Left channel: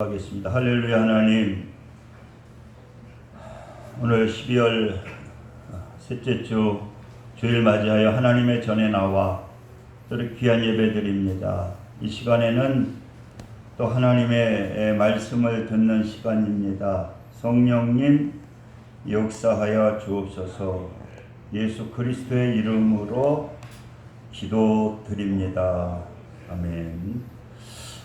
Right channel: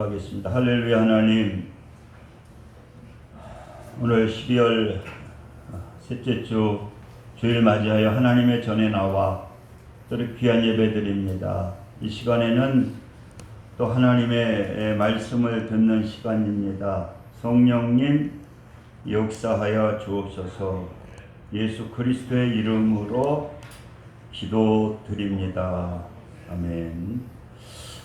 하겠습니다. 할렐루야 하나님 오늘 12월 셋째 주 주일 맞이하여 하나님의 전에 나와 또 귀한 예배 드립니다. 이 시간에는 또 하나님의 말씀을 듣는 시간입니다. 성령님 역사하여 주옵소서 예수 그리스도의 이름으로 기도드립니다. 아멘.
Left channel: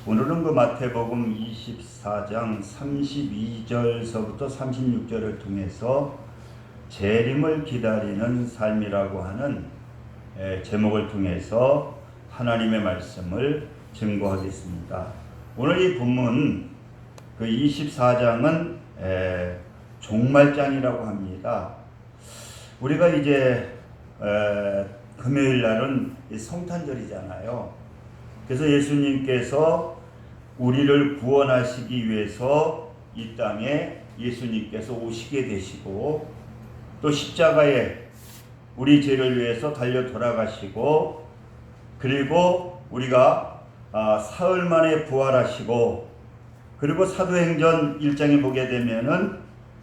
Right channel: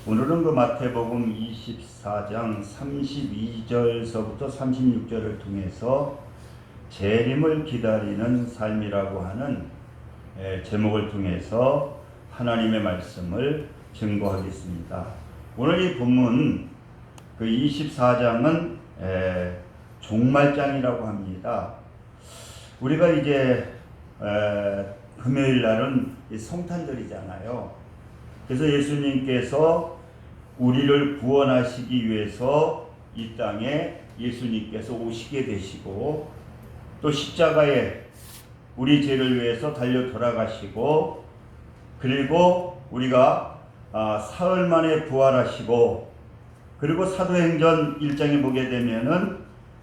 오늘은 그 마태복음 24장 32절서부터 36절을 통해서 재림을 기다리는 삶이라고 하는 에, 제목을 통해서 하나님의 말씀을 증거하겠습니다. 오늘 이 본문 그 24장은 에, 종말장이라고 합니다. 우리가 이제 에, 금요일 날은 이 성탄절이잖아요. 그래서 예수님께서 우리를 구원하시기 위해서 이 땅에 예수님께서 오시게 되시고 또 십자가에 우리 죄를 위해서 달려 돌아가시고 그리고 우리가 아, 사흘 만에 부활하시고 그리고 사도행전 1장에 보게 되면은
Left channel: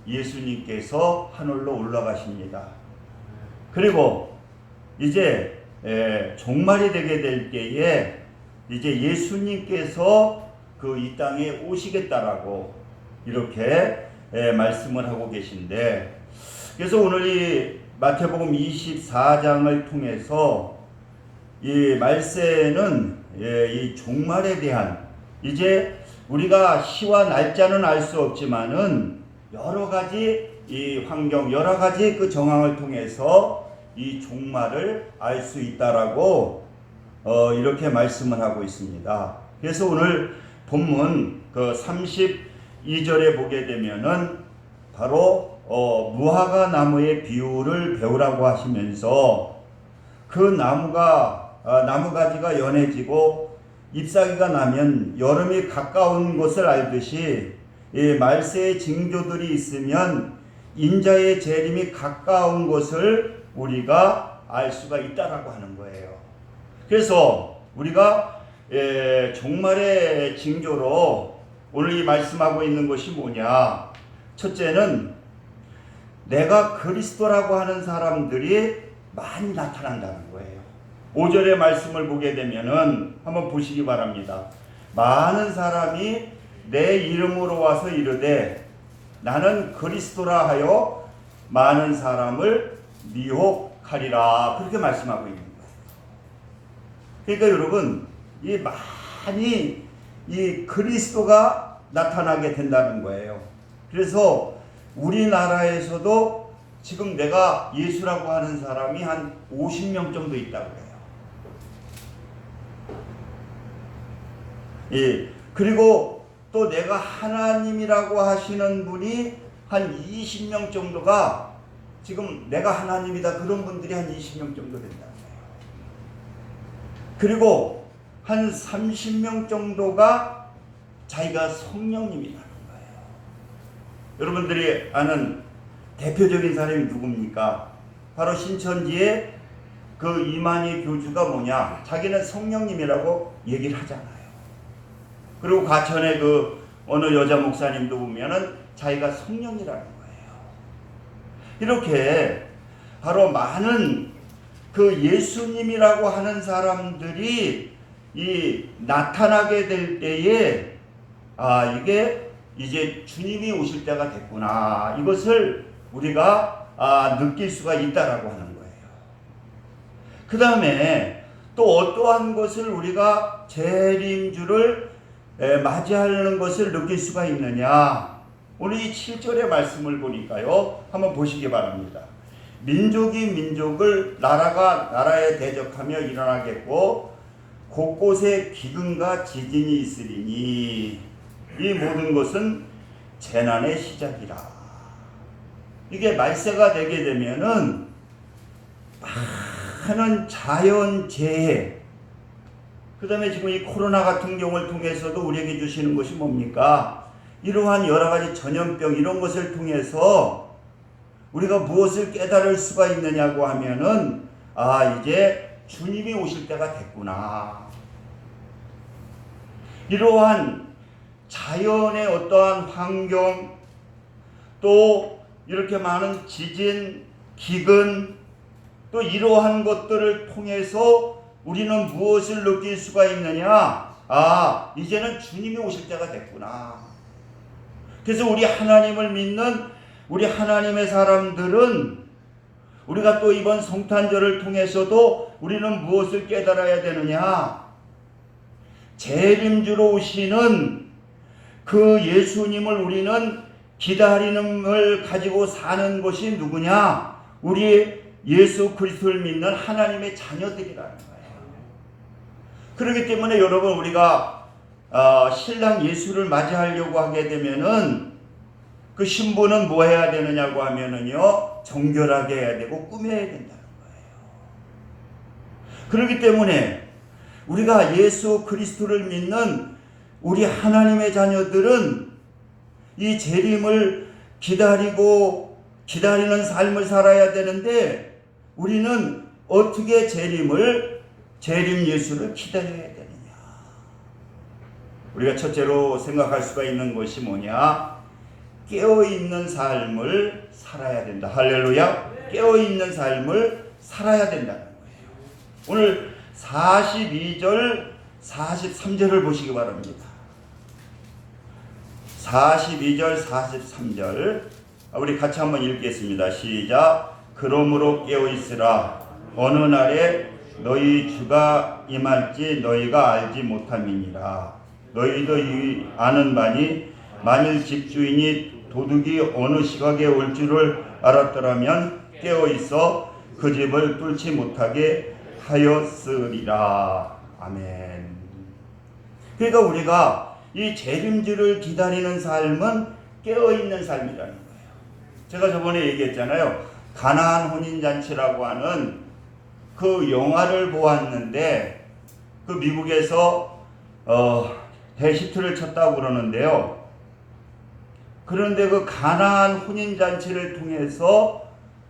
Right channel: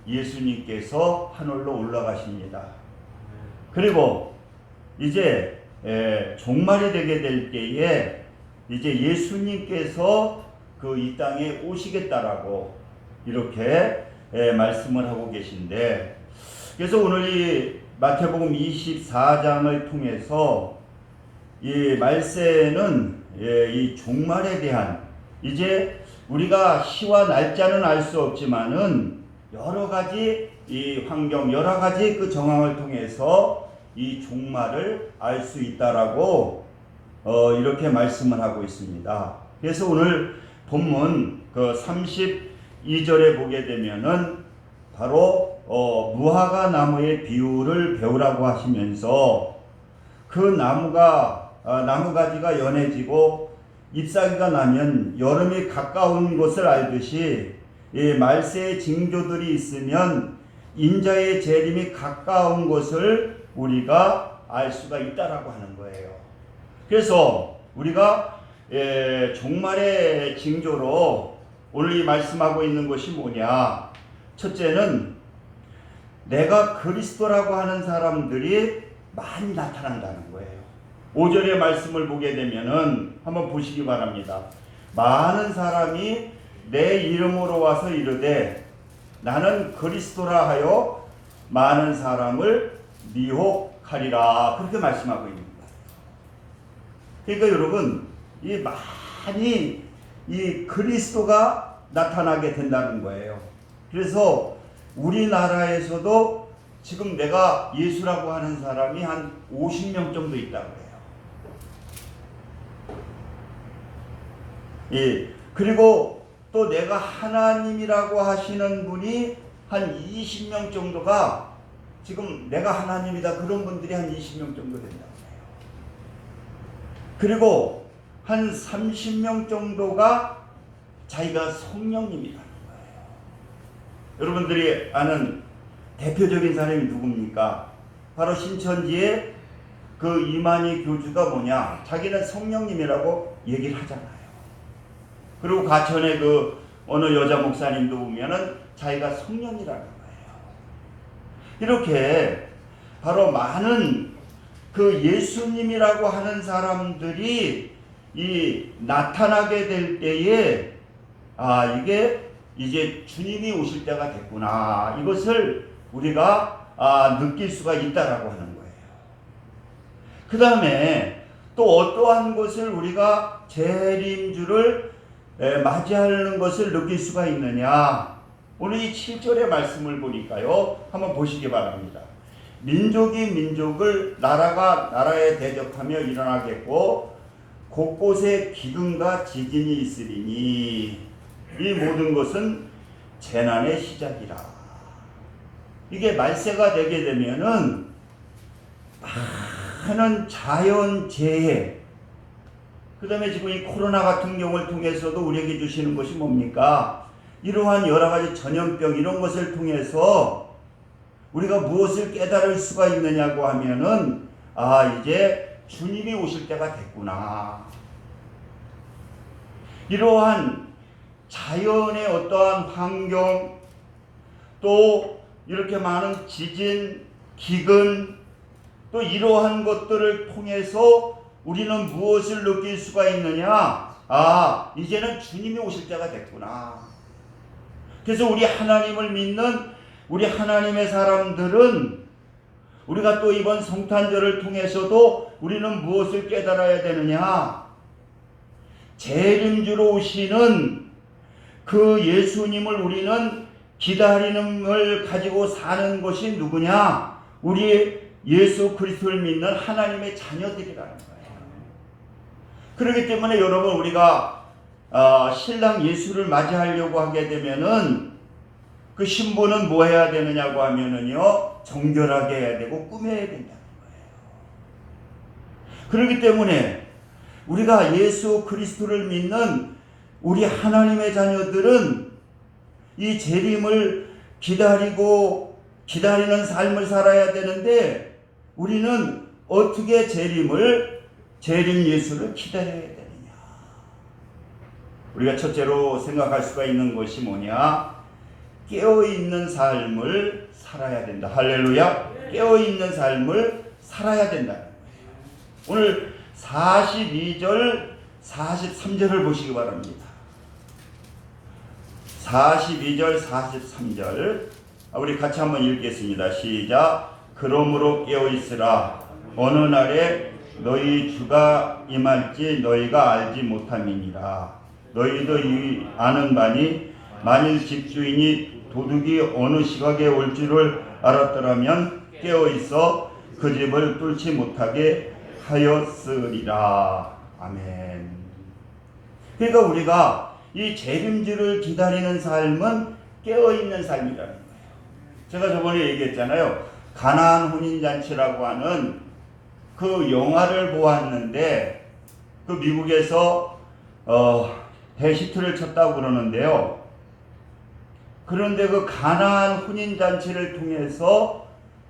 예수님께서 하늘로 올라가십니다. 그리고 이제 에, 종말이 되게 될 때에 이제 예수님께서 그 이 땅에 오시겠다라고 이렇게 에, 말씀을 하고 계신데 그래서 오늘 이 마태복음 24장을 통해서 이 말세는 예, 이 종말에 대한 이제 우리가 시와 날짜는 알 수 없지만은 여러 가지 이 환경 여러 가지 그 정황을 통해서 이 종말을 알 수 있다라고 어, 이렇게 말씀을 하고 있습니다. 그래서 오늘 본문 그 32절에 보게 되면은 바로 어, 무화과 나무의 비유를 배우라고 하시면서 그 나무가 아, 나무 가지가 연해지고 잎사귀가 나면 여름이 가까운 것을 알듯이 이 말세의 징조들이 있으면 인자의 재림이 가까운 것을 우리가 알 수가 있다라고 하는 거예요. 그래서 우리가 에, 종말의 징조로 오늘 이 말씀하고 있는 것이 뭐냐? 첫째는 내가 그리스도라고 하는 사람들이 많이 나타난다는 거예요. 5절의 말씀을 보게 되면은 한번 보시기 바랍니다. 많은 사람이 내 이름으로 와서 이르되 나는 그리스도라 하여 많은 사람을 미혹하리라 그렇게 말씀하고 있는. 그러니까 여러분 이 많이 이 그리스도가 나타나게 된다는 거예요. 그래서 우리나라에서도 지금 내가 예수라고 하는 사람이 한 50명 정도 있다고 해요. 예. 그리고 또 내가 하나님이라고 하시는 분이 한 20명 정도가 지금 내가 하나님이다 그런 분들이 한 20명 정도 거예요. 그리고 한 30명 정도가 자기가 성령님이라는 거예요. 여러분들이 아는 대표적인 사람이 누굽니까? 바로 신천지의 그 이만희 교주가 뭐냐? 자기는 성령님이라고 얘기를 하잖아요. 그리고 가천의 그 어느 여자 목사님도 보면은 자기가 성령이라는 거예요. 이렇게 바로 많은 그 예수님이라고 하는 사람들이 이 나타나게 될 때에 아 이게 이제 주님이 오실 때가 됐구나 이것을 우리가 아, 느낄 수가 있다라고 하는 거예요. 그 다음에 또 어떠한 것을 우리가 재림주를 에, 맞이하는 것을 느낄 수가 있느냐? 오늘 이 7절의 말씀을 보니까요. 한번 보시기 바랍니다. 민족이 민족을 나라가 나라에 대적하며 일어나겠고 곳곳에 기근과 지진이 있으리니 이 모든 것은 재난의 시작이라. 이게 말세가 되게 되면은 많은 자연 재해 그 다음에 지금 이 코로나 같은 경우를 통해서도 우리에게 주시는 것이 뭡니까? 이러한 여러 가지 전염병 이런 것을 통해서 우리가 무엇을 깨달을 수가 있느냐고 하면은 아 이제 주님이 오실 때가 됐구나. 이러한 자연의 어떠한 환경 또 이렇게 많은 지진, 기근 또 이러한 것들을 통해서 우리는 무엇을 느낄 수가 있느냐? 아, 이제는 주님이 오실 때가 됐구나. 그래서 우리 하나님을 믿는 우리 하나님의 사람들은 우리가 또 이번 성탄절을 통해서도 우리는 무엇을 깨달아야 되느냐? 재림주로 오시는 그 예수님을 우리는 기다리는 걸 가지고 사는 것이 누구냐? 우리 예수 그리스도를 믿는 하나님의 자녀들이라는 거예요. 그렇기 때문에 여러분 우리가 어, 신랑 예수를 맞이하려고 하게 되면은 그 신부는 뭐 해야 되느냐고 하면은요 정결하게 해야 되고 꾸며야 된다는 거예요. 그렇기 때문에 우리가 예수 그리스도를 믿는 우리 하나님의 자녀들은 이 재림을 기다리고 기다리는 삶을 살아야 되는데 우리는 어떻게 재림을 재림 예수를 기다려야 되느냐? 우리가 첫째로 생각할 수가 있는 것이 뭐냐? 깨어 있는 삶을 살아야 된다. 할렐루야. 깨어 있는 삶을 살아야 된다. 오늘 42절 43절을 보시기 바랍니다. 42절 43절 우리 같이 한번 읽겠습니다. 시작. 그러므로 깨어 있으라. 어느 날에 너희 주가 임할지 너희가 알지 못함이니라. 너희도 이 아는 바니 만일 집주인이 도둑이 어느 시각에 올 줄을 알았더라면 깨어 있어 그 집을 뚫지 못하게 하였으리라. 아멘. 그러니까 우리가 이 재림주를 기다리는 삶은 깨어 있는 삶이라는 거예요. 제가 저번에 얘기했잖아요. 가나안 혼인 잔치라고 하는 그 영화를 보았는데 그 미국에서 어, 대시트를 쳤다고 그러는데요. 그런데 그 가나안 혼인 잔치를 통해서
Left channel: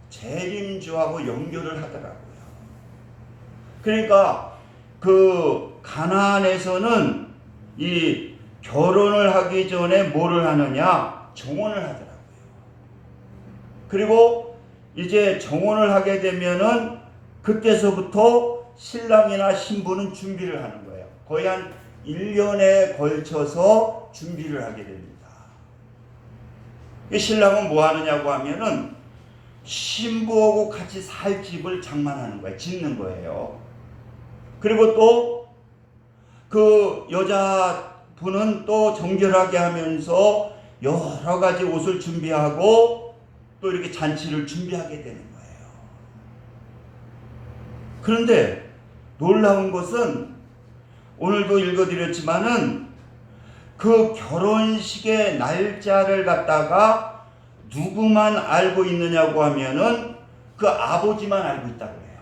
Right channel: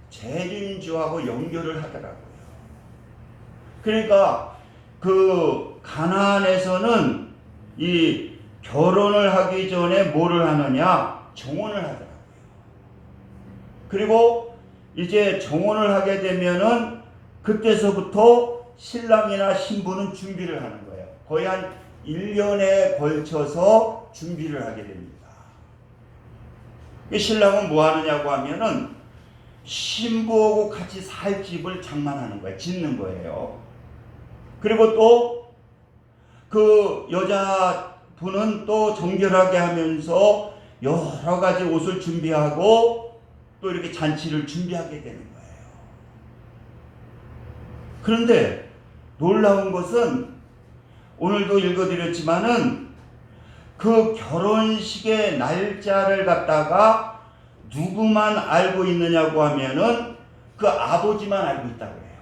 재림주하고 연결을 하더라고요. 그러니까 그 가나안에서는 이 결혼을 하기 전에 뭐를 하느냐 정혼을 하더라고요. 그리고 이제 정혼을 하게 되면은 그때서부터 신랑이나 신부는 준비를 하는 거예요. 거의 한 1년에 걸쳐서 준비를 하게 됩니다. 이 신랑은 뭐 하느냐고 하면은 신부하고 같이 살 집을 장만하는 거예요. 짓는 거예요. 그리고 또 그 여자분은 또 정결하게 하면서 여러 가지 옷을 준비하고 또 이렇게 잔치를 준비하게 되는 거예요. 그런데 놀라운 것은 오늘도 읽어드렸지만은 그 결혼식의 날짜를 갖다가 누구만 알고 있느냐고 하면은 그 아버지만 알고 있다고 해요.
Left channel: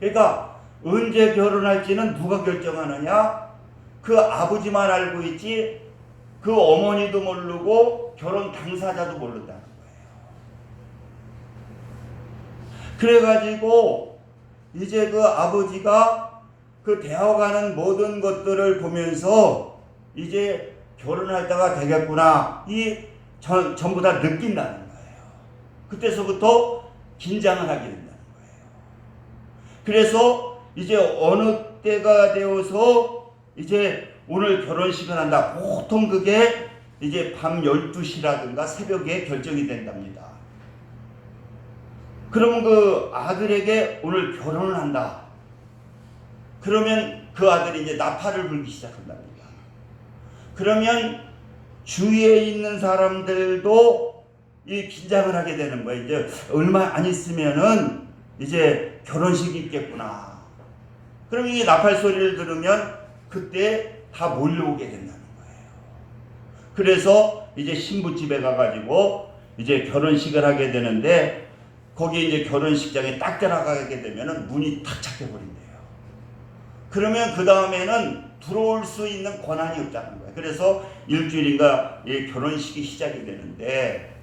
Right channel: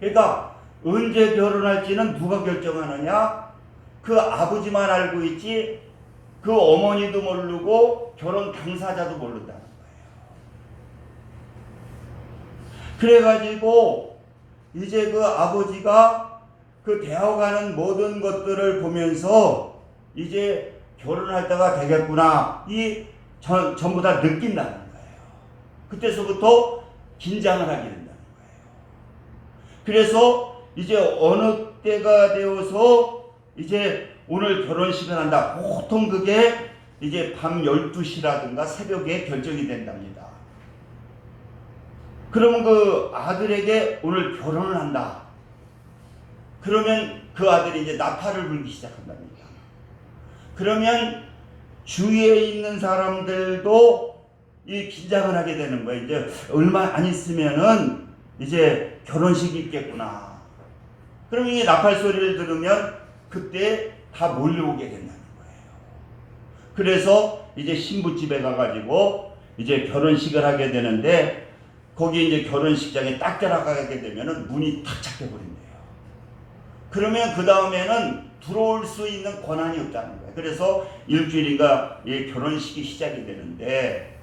그러니까 언제 결혼할지는 누가 결정하느냐? 그 아버지만 알고 있지 그 어머니도 모르고 결혼 당사자도 모른다는 거예요. 그래가지고 이제 그 아버지가 그 되어가는 모든 것들을 보면서 이제 결혼할 때가 되겠구나. 이 전, 전부 다 느낀다는 거예요. 그때서부터 긴장을 하게 된다는 거예요. 그래서 이제 어느 때가 되어서 이제 오늘 결혼식을 한다. 보통 그게 이제 밤 12시라든가 새벽에 결정이 된답니다. 그럼 그 아들에게 오늘 결혼을 한다. 그러면 그 아들이 이제 나팔을 불기 시작한답니다. 그러면 주위에 있는 사람들도 이 긴장을 하게 되는 거예요. 이제 얼마 안 있으면은 이제 결혼식이 있겠구나. 그럼 이 나팔 소리를 들으면 그때 다 몰려오게 된다는 거예요. 그래서 이제 신부 집에 가가지고 이제 결혼식을 하게 되는데 거기 이제 결혼식장에 딱 들어가게 되면은 문이 탁 잡혀버린대요. 그러면 그 다음에는 들어올 수 있는 권한이 없다는 거예요. 그래서 일주일인가 이 결혼식이 시작이 되는데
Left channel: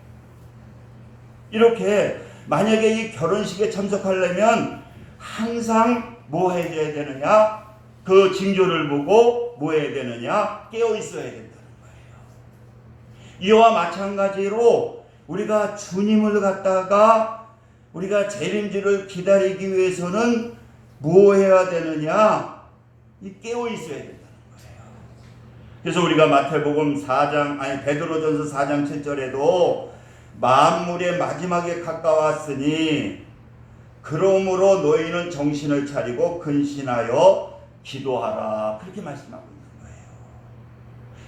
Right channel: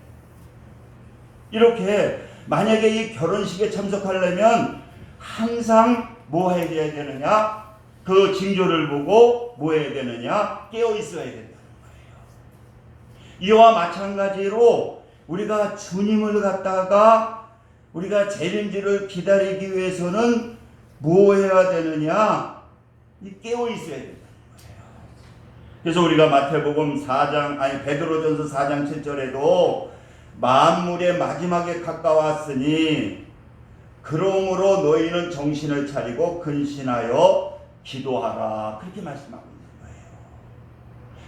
이렇게 만약에 이 결혼식에 참석하려면 항상 뭐 해야 되느냐? 그 징조를 보고 뭐 해야 되느냐? 깨어 있어야 된다는 거예요. 이와 마찬가지로 우리가 주님을 갖다가 우리가 재림주를 기다리기 위해서는 뭐 해야 되느냐? 이 깨어 있어야 거예요. 그래서 우리가 마태복음 4장 아니 베드로전서 4장 7절에도 만물의 마지막에 가까웠으니 그러므로 너희는 정신을 차리고 근신하여 기도하라 그렇게 말씀하고 있는 거예요.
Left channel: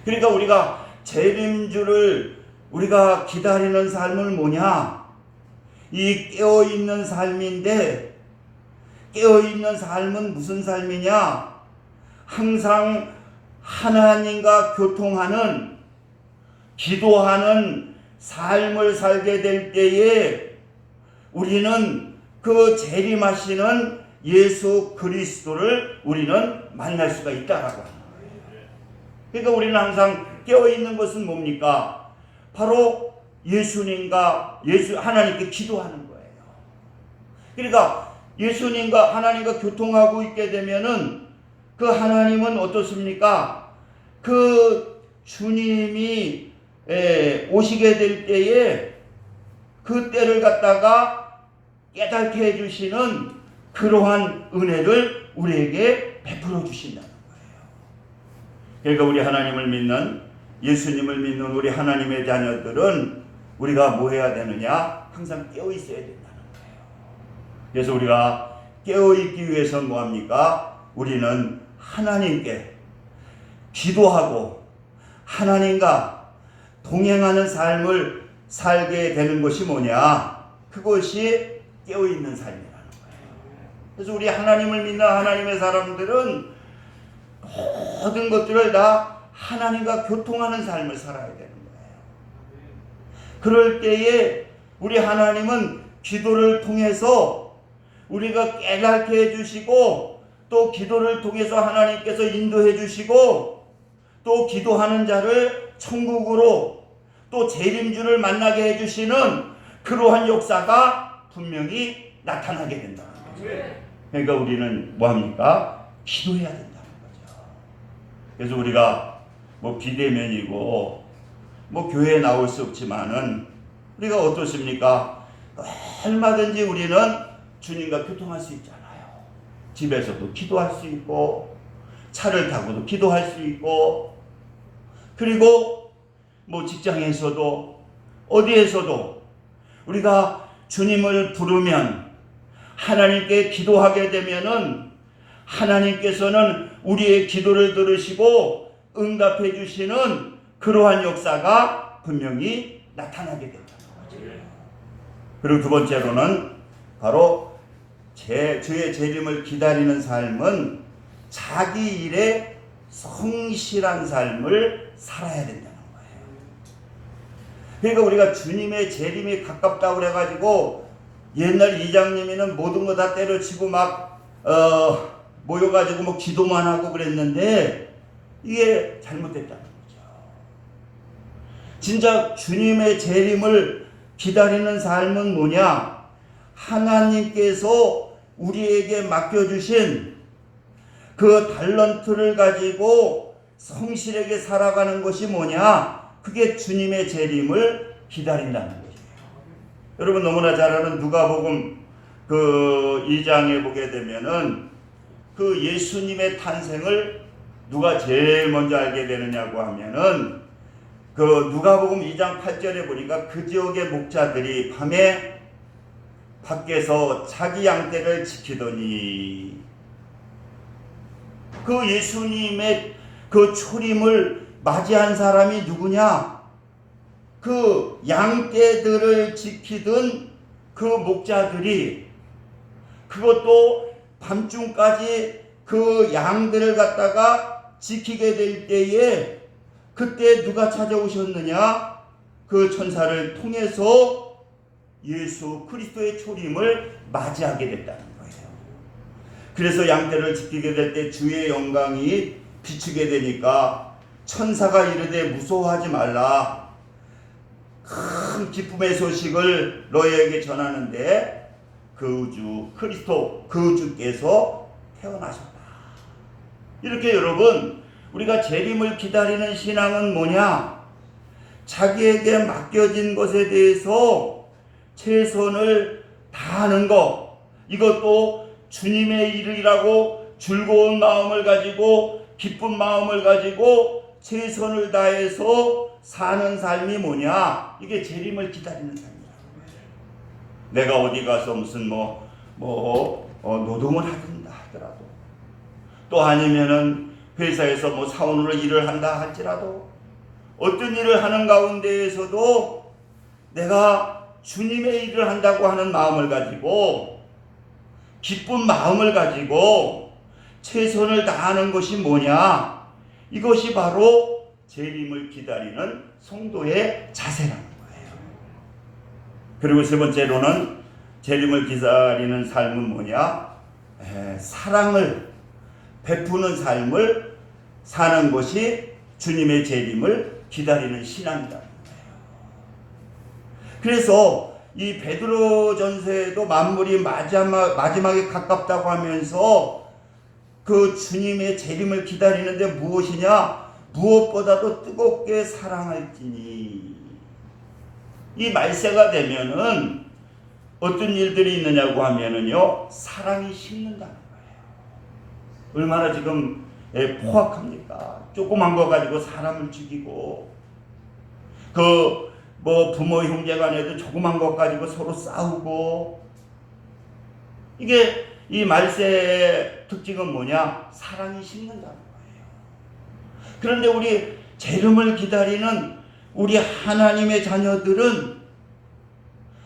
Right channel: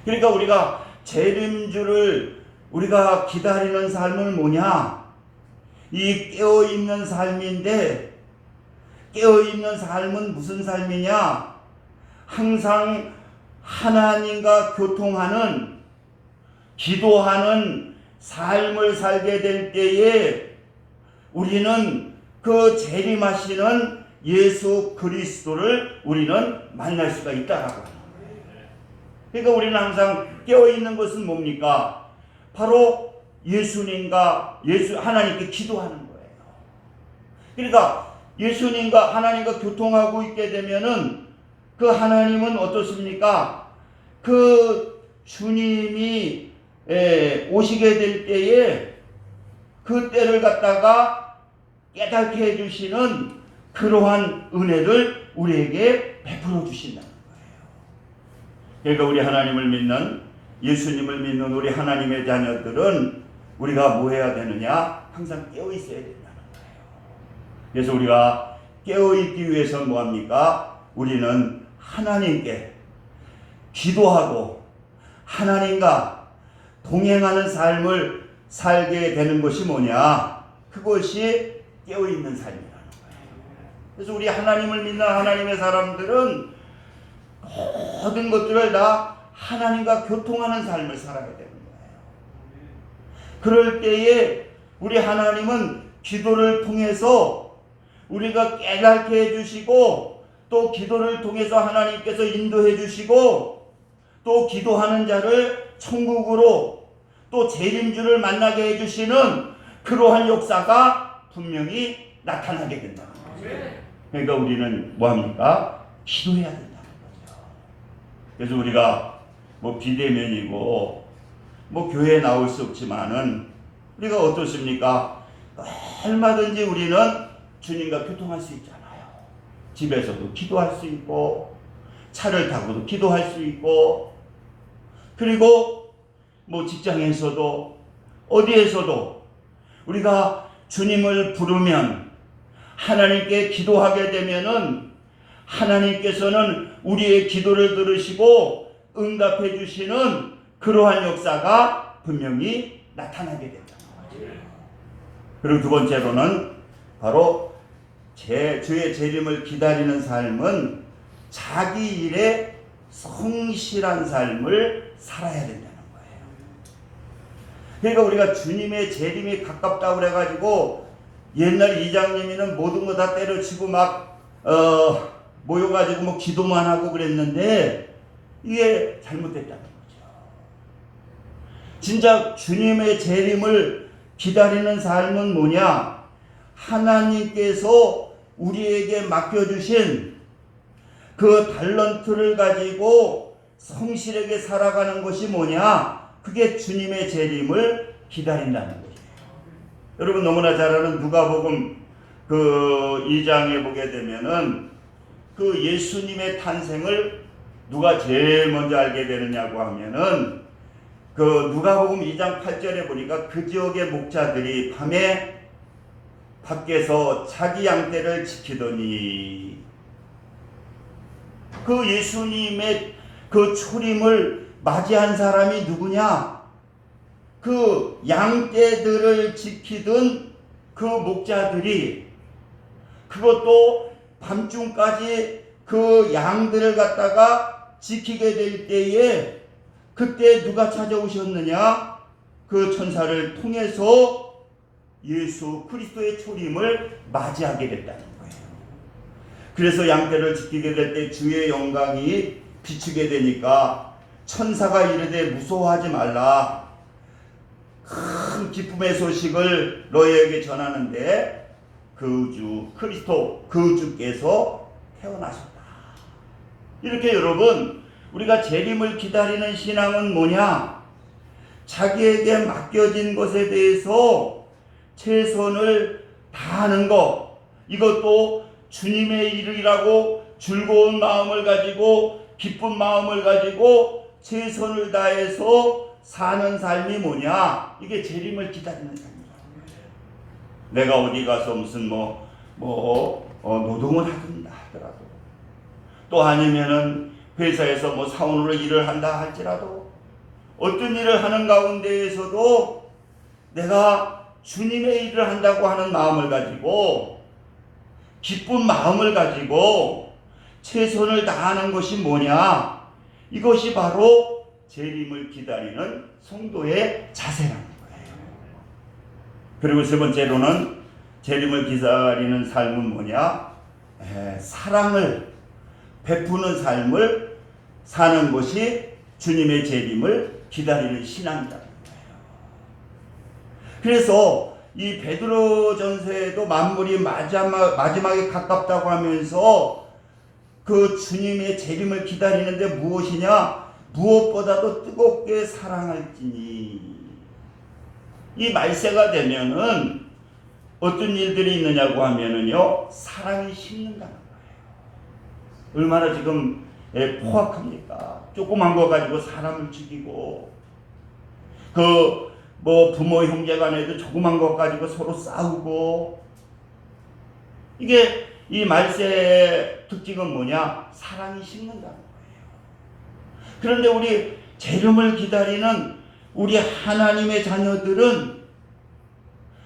그러니까 우리가 재림주를 우리가 기다리는 삶은 뭐냐? 이 깨어 있는 삶인데 깨어 있는 삶은 무슨 삶이냐? 항상 하나님과 교통하는 기도하는 삶을 살게 될 때에 우리는 그 재림하시는 예수 그리스도를 우리는 만날 수가 있다라고 합니다. 그러니까 우리는 항상 깨어 있는 것은 뭡니까? 바로 예수님과 예수 하나님께 기도하는 거예요. 그러니까 예수님과 하나님과 교통하고 있게 되면은 그 하나님은 어떻습니까? 그 주님이 에, 오시게 될 때에 그 때를 갖다가 깨닫게 해주시는 그러한 은혜를 우리에게 베풀어 주신다는 거예요. 그러니까 우리 하나님을 믿는 예수님을 믿는 우리 하나님의 자녀들은 우리가 뭐 해야 되느냐? 항상 깨어 있어야 된다는 거예요. 그래서 우리가 깨어 있기 위해서 뭐 합니까? 우리는 하나님께 기도하고 하나님과 동행하는 삶을 살게 되는 것이 뭐냐? 그것이 깨어 있는 삶이라는 거예요. 그래서 우리 하나님을 믿는 하나님의 사람들은 모든 것들을 다 하나님과 교통하는 삶을 살아야 되는 거예요. 그럴 때에 우리 하나님은 기도를 통해서 우리가 깨닫게 해주시고 또 기도를 통해서 하나님께서 인도해 주시고 또 기도하는 자를 천국으로 또 재림주를 만나게 해주시는 그러한 역사가 분명히 나타나게 된다. 그러니까 우리는 뭐합니까? 기도해야 된다는 거죠. 그래서 우리가 뭐 비대면이고 뭐 교회에 나올 수 없지만은 우리가 어떻습니까? 얼마든지 우리는 주님과 교통할 수 있잖아요. 집에서도 기도할 수 있고 차를 타고도 기도할 수 있고 그리고 뭐 직장에서도 어디에서도 우리가 주님을 부르면 하나님께 기도하게 되면은 하나님께서는 우리의 기도를 들으시고 응답해 주시는 그러한 역사가 분명히 나타나게 된다. 그리고 두 번째로는 바로 제, 주의 재림을 기다리는 삶은 자기 일에 성실한 삶을 살아야 된다는 거예요. 그러니까 우리가 주님의 재림이 가깝다고 그래가지고 옛날 이장님이는 모든 거 다 때려치고 막, 어, 모여가지고 뭐 기도만 하고 그랬는데 이게 잘못됐다는 거죠. 진짜 주님의 재림을 기다리는 삶은 뭐냐? 하나님께서 우리에게 맡겨주신 그 달런트를 가지고 성실하게 살아가는 것이 뭐냐? 그게 주님의 재림을 기다린다는 거예요. 여러분 너무나 잘 아는 누가복음 그 2장에 보게 되면은 그 예수님의 탄생을 누가 제일 먼저 알게 되느냐고 하면은 그 누가복음 2장 8절에 보니까 그 지역의 목자들이 밤에 밖에서 자기 양떼를 지키더니 그 예수님의 그 초림을 맞이한 사람이 누구냐? 그 양떼들을 지키던 그 목자들이 그것도 밤중까지 그 양들을 갖다가 지키게 될 때에 그때 누가 찾아오셨느냐? 그 천사를 통해서 예수 그리스도의 초림을 맞이하게 거예요. 그래서 양떼를 지키게 될 때 주의 영광이 비추게 되니까 천사가 이르되 무서워하지 말라. 큰 기쁨의 소식을 너희에게 전하는데 그주 그리스도 그 주께서 태어나셨다. 이렇게 여러분 우리가 재림을 기다리는 신앙은 뭐냐? 자기에게 맡겨진 것에 대해서 최선을 다하는 것 이것도 주님의 일이라고 즐거운 마음을 가지고 기쁜 마음을 가지고 최선을 다해서 사는 삶이 뭐냐? 이게 재림을 기다리는 삶이라고 내가 어디 가서 무슨 뭐, 뭐, 어, 노동을 하든다 하더라도, 또 아니면은 회사에서 뭐 사원으로 일을 한다 할지라도, 어떤 일을 하는 가운데에서도 내가 주님의 일을 한다고 하는 마음을 가지고, 기쁜 마음을 가지고, 최선을 다하는 것이 뭐냐? 이것이 바로 재림을 기다리는 성도의 자세라는 거예요. 그리고 세 번째로는 재림을 기다리는 삶은 뭐냐? 에, 사랑을 베푸는 삶을 사는 것이 주님의 재림을 기다리는 거예요. 그래서 이 베드로 전서에도 만물이 마지막, 마지막에 가깝다고 하면서 그 주님의 재림을 기다리는데 무엇이냐? 무엇보다도 뜨겁게 사랑할지니 이 말세가 되면은 어떤 일들이 있느냐고 하면은요 사랑이 식는다는 거예요. 얼마나 지금 예, 포악합니까? 조그만 거 가지고 사람을 죽이고 그 뭐 부모 형제 간에도 조그만 것 가지고 서로 싸우고 이게 이 말세의 특징은 뭐냐? 사랑이 식는다는 거예요. 그런데 우리 재림을 기다리는 우리 하나님의 자녀들은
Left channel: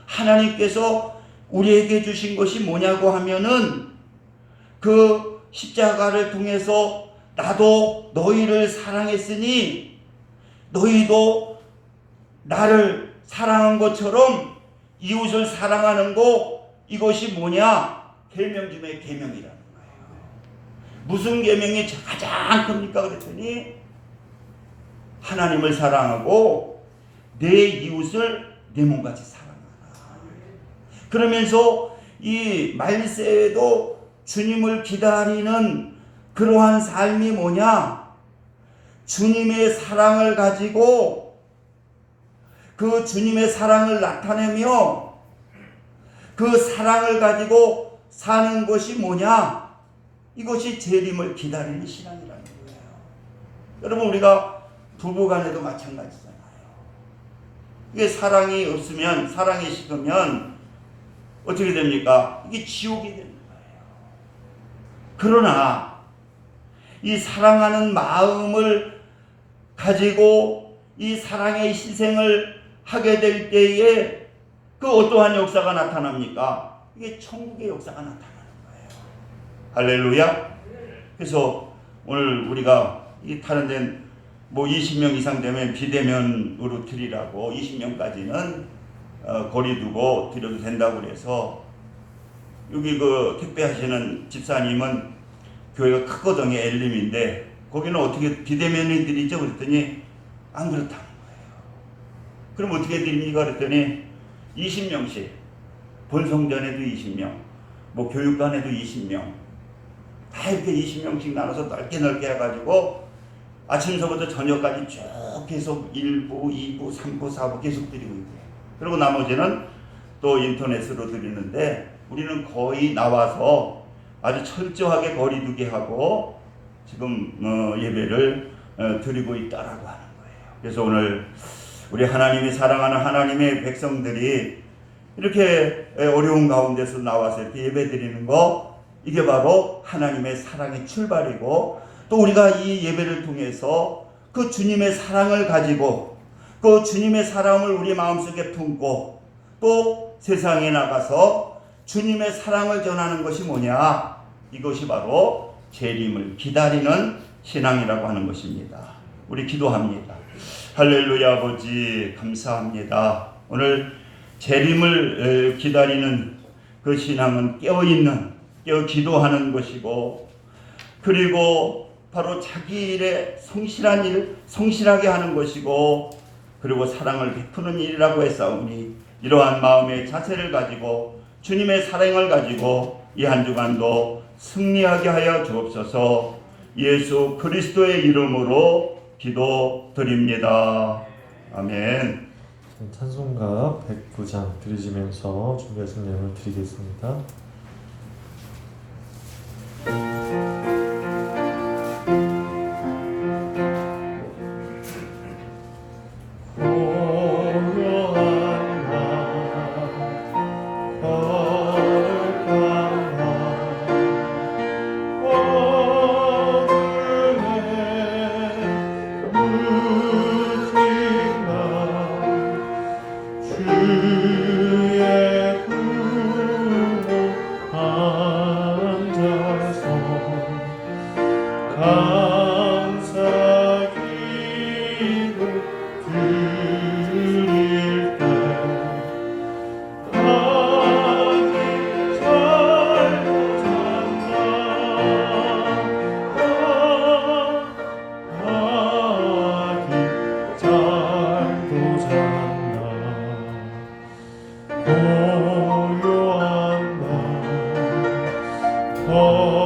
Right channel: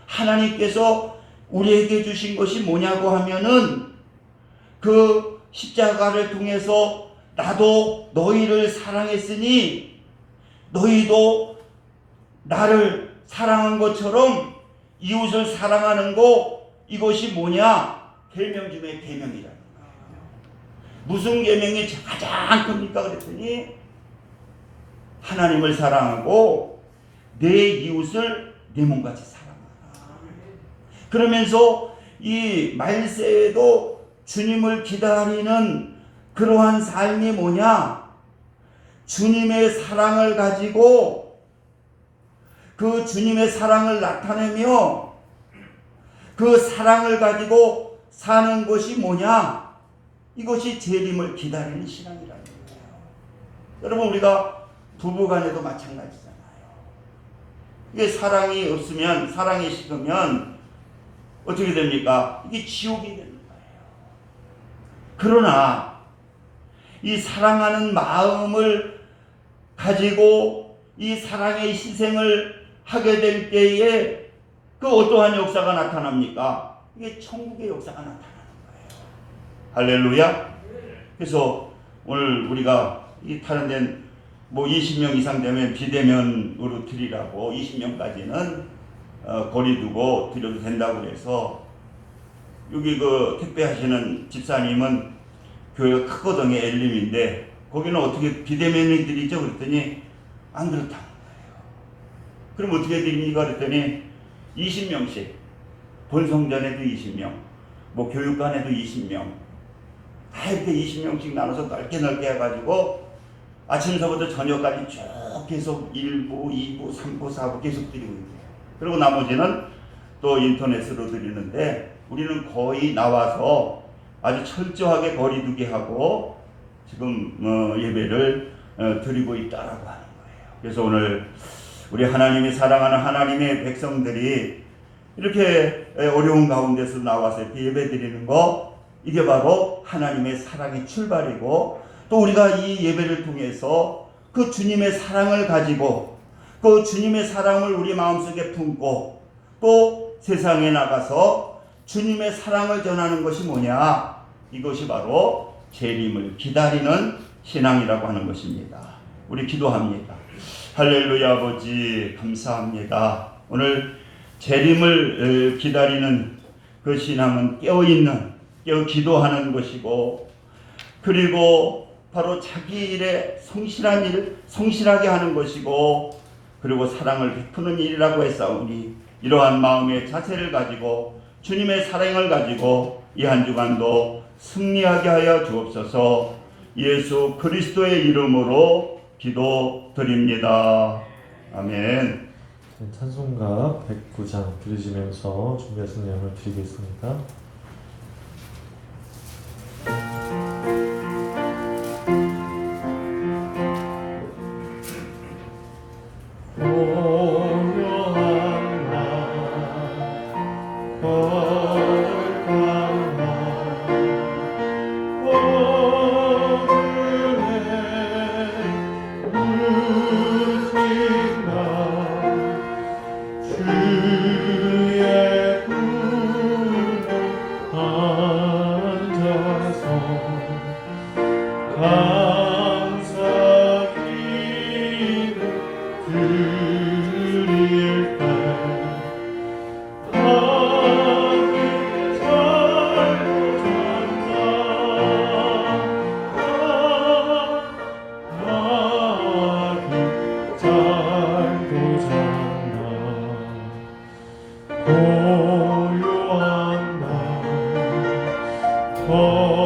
하나님께서 우리에게 주신 것이 뭐냐고 하면은 그 십자가를 통해서 나도 너희를 사랑했으니 너희도 나를 사랑한 것처럼 이웃을 사랑하는 거 이것이 뭐냐? 계명 중에 계명이라는 거예요. 무슨 계명이 가장 큽니까? 그랬더니 하나님을 사랑하고 내 이웃을 내 몸같이 사랑하라. 그러면서 이 말세에도 주님을 기다리는 그러한 삶이 뭐냐? 주님의 사랑을 가지고 그 주님의 사랑을 나타내며 그 사랑을 가지고 사는 것이 뭐냐? 이것이 재림을 기다리는 신앙이라는 거예요. 여러분 우리가 부부간에도 마찬가지잖아요. 이게 사랑이 없으면 사랑이 식으면 어떻게 됩니까? 이게 지옥이 되는 거예요. 그러나 이 사랑하는 마음을 가지고 이 사랑의 희생을 하게 될 때에 그 어떠한 역사가 나타납니까? 이게 천국의 역사가 나타나는 거예요. 할렐루야. 그래서 오늘 우리가 이 타는 데는 뭐 20명 이상 되면 비대면으로 드리라고 20명까지는 어, 거리 두고 드려도 된다고 그래서 여기 그 택배하시는 집사님은 교회가 크거든요 엘림인데 거기는 어떻게 비대면이 드리죠 그랬더니 안 거예요. 그럼 어떻게 드립니까 그랬더니 20명씩 본성전에도 20명 뭐 교육관에도 20명 다 이렇게 20명씩 나눠서 넓게 넓게 해가지고 아침서부터 저녁까지 쭉 계속 1부, 2부, 3부, 4부 계속 드리고 있고요. 그리고 나머지는 또 인터넷으로 드리는데 우리는 거의 나와서 아주 철저하게 거리두기 하고 지금 어, 예배를 어, 드리고 있다라고 하는 거예요. 그래서 오늘 우리 하나님이 사랑하는 하나님의 백성들이 이렇게 어려운 가운데서 나와서 예배 드리는 거 이게 바로 하나님의 사랑의 출발이고 또 우리가 이 예배를 통해서 그 주님의 사랑을 가지고 그 주님의 사랑을 우리 마음속에 품고 또 세상에 나가서 주님의 사랑을 전하는 것이 뭐냐? 이것이 바로 재림을 기다리는 신앙이라고 하는 것입니다. 우리 기도합니다. 할렐루야 아버지 감사합니다. 오늘 재림을 기다리는 그 신앙은 깨어 있는 깨어 기도하는 것이고 그리고 바로 자기 일에 성실한 일, 성실하게 하는 것이고 그리고 사랑을 베푸는 일이라고 했사오니 이러한 마음의 자세를 가지고 주님의 사랑을 가지고 이 한 주간도 승리하게 하여 주옵소서 예수 그리스도의 이름으로 기도드립니다. 아멘. 찬송가 109장 들으시면서 준비하신 내용을 드리겠습니다. 고 거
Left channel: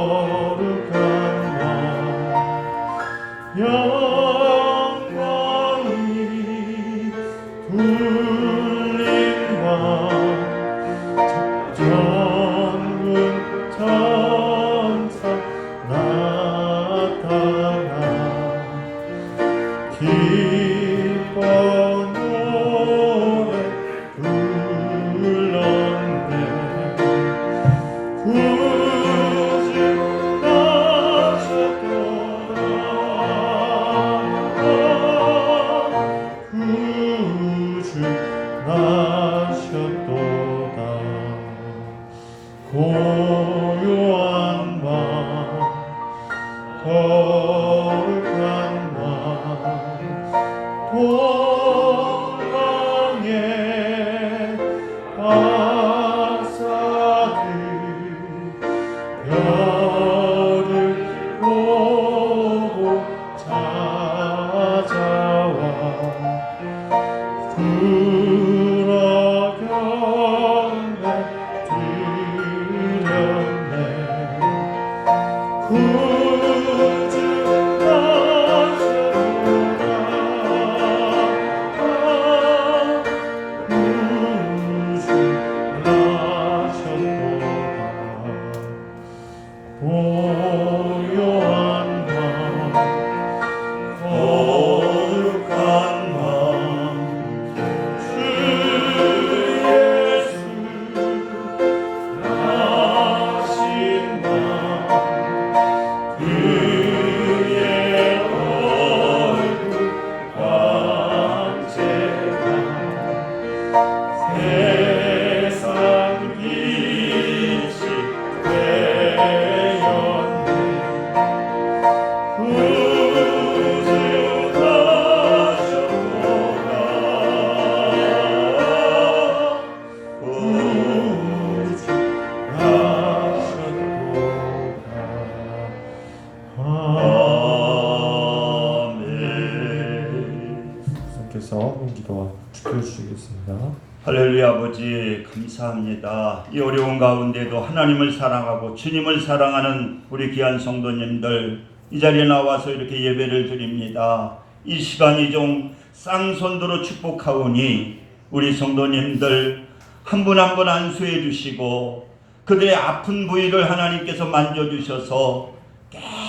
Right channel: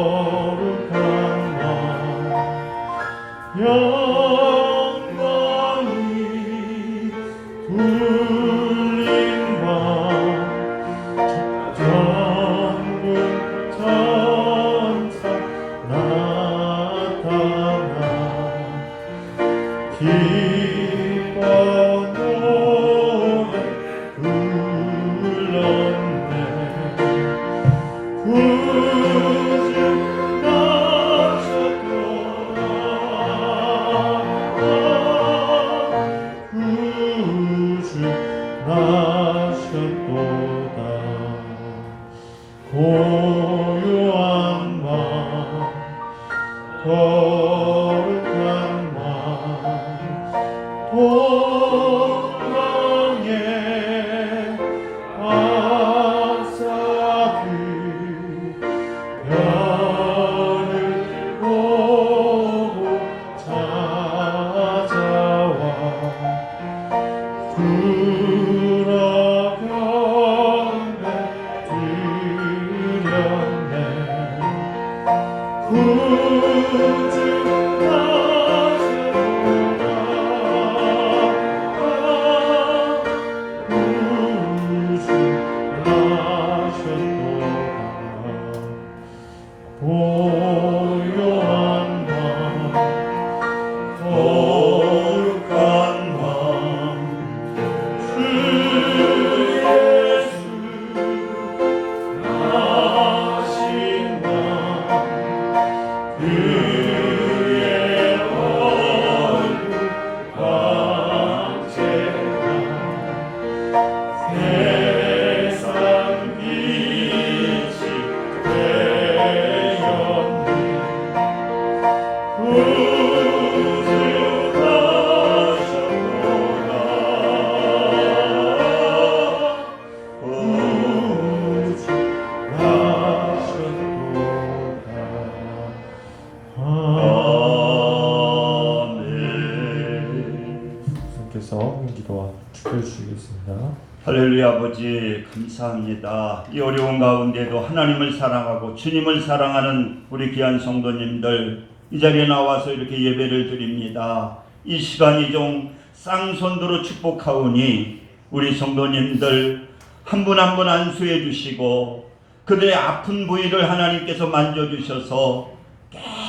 사랑하는 우리 귀한 성도님들 이 자리에 나와서 이렇게 예배를 드립니다. 이 시간이 좀 쌍손으로 축복하오니 우리 성도님들 한 분 한 분 안수해 주시고 그들의 아픈 부위를 하나님께서 만져주셔서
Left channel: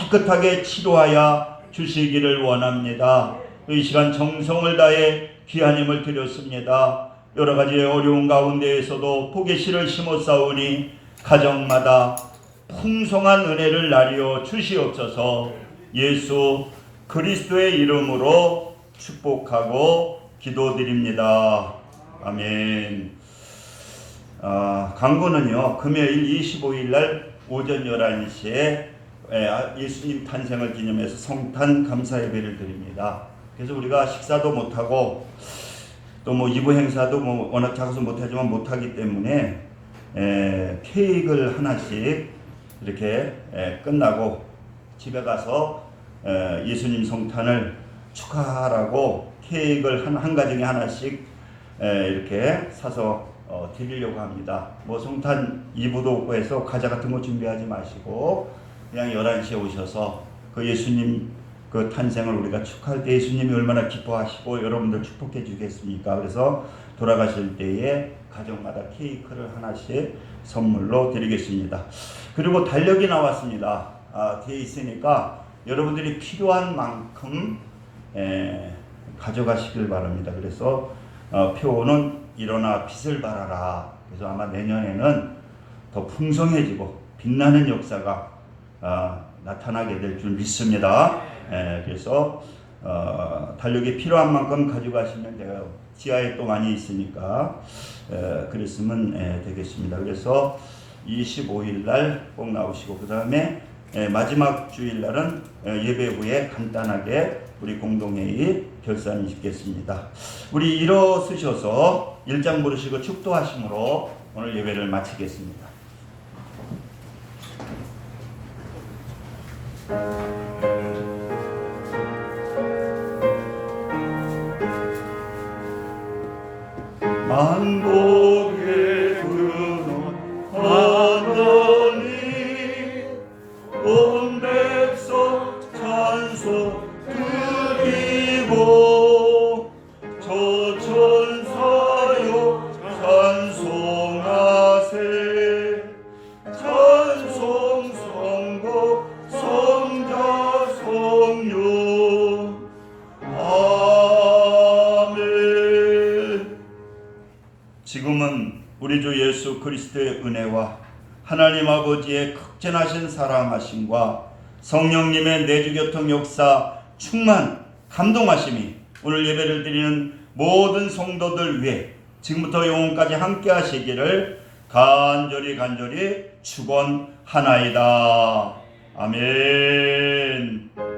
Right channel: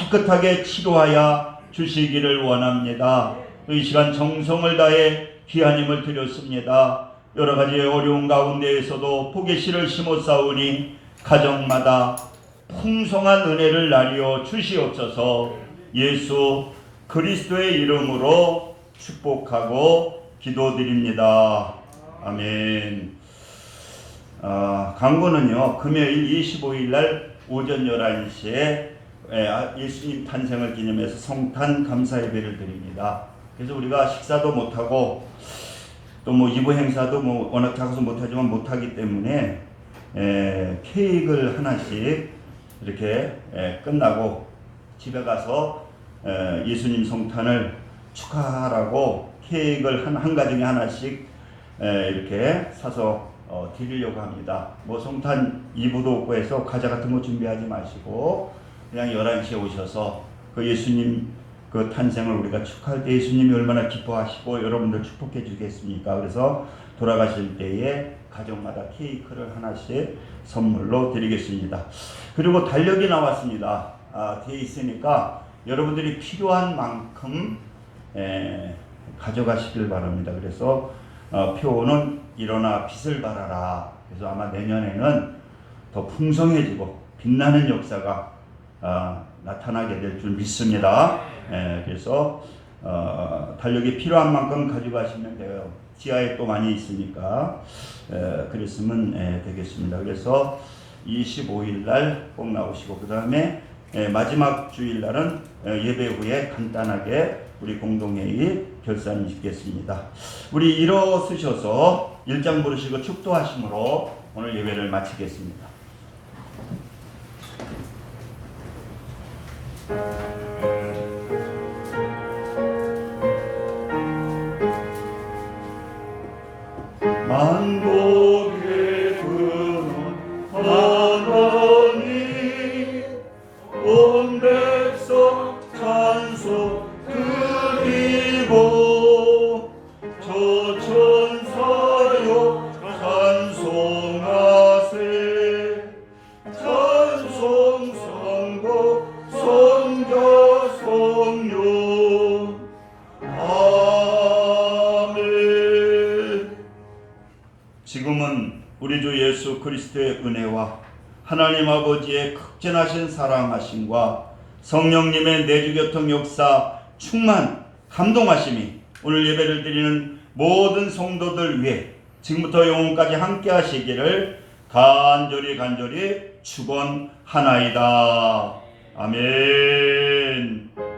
깨끗하게 치료하여 주시기를 원합니다. 이 시간 정성을 다해 귀한 힘을 드렸습니다. 여러 가지 어려운 가운데에서도 씨를 심어 싸우니 가정마다 풍성한 은혜를 나리어 주시옵소서 예수 그리스도의 이름으로 축복하고 기도드립니다. 아멘. 아, 강구는요 금요일 25일 날 오전 11시에 예수님 탄생을 기념해서 성탄 감사 예배를 드립니다. 그래서 우리가 식사도 못하고 또 뭐 이부 행사도 뭐 워낙 작아서 못하지만 못하기 때문에 에, 케이크를 하나씩 이렇게 에, 끝나고 집에 가서 에, 예수님 성탄을 축하하라고 케이크를 한, 한 가정에 하나씩 에, 이렇게 사서 어, 드리려고 합니다. 뭐 성탄 이부도 없고 해서 과자 같은 거 준비하지 마시고 그냥 11시에 오셔서 그 예수님 그 탄생을 우리가 축하할 때 예수님이 얼마나 기뻐하시고 여러분들 축복해 주겠습니까? 그래서 돌아가실 때에 가정마다 케이크를 하나씩 선물로 드리겠습니다. 그리고 달력이 나왔습니다. 아, 돼 있으니까 여러분들이 필요한 만큼 에, 가져가시길 바랍니다. 그래서 어, 표는 일어나 빛을 발하라. 그래서 아마 내년에는 더 풍성해지고 빛나는 역사가 어, 나타나게 될 줄 믿습니다. 예, 그래서 어, 달력이 필요한 만큼 가져가시면 돼요. 지하에 또 많이 있으니까 에, 그랬으면 예, 되겠습니다. 그래서 25일 날 꼭 나오시고 그 다음에 마지막 주일 날은 예, 예배 후에 간단하게 우리 공동회의 결산 짓겠습니다. 우리 일어서셔서 일장 부르시고 축도하심으로 오늘 예배를 마치겠습니다. 하나님 아버지의 극진하신 사랑하심과 성령님의 내주교통 역사 충만 감동하심이 오늘 예배를 드리는 모든 성도들 위해 지금부터 영원까지 함께 하시기를 간절히 간절히 축원하나이다. 아멘.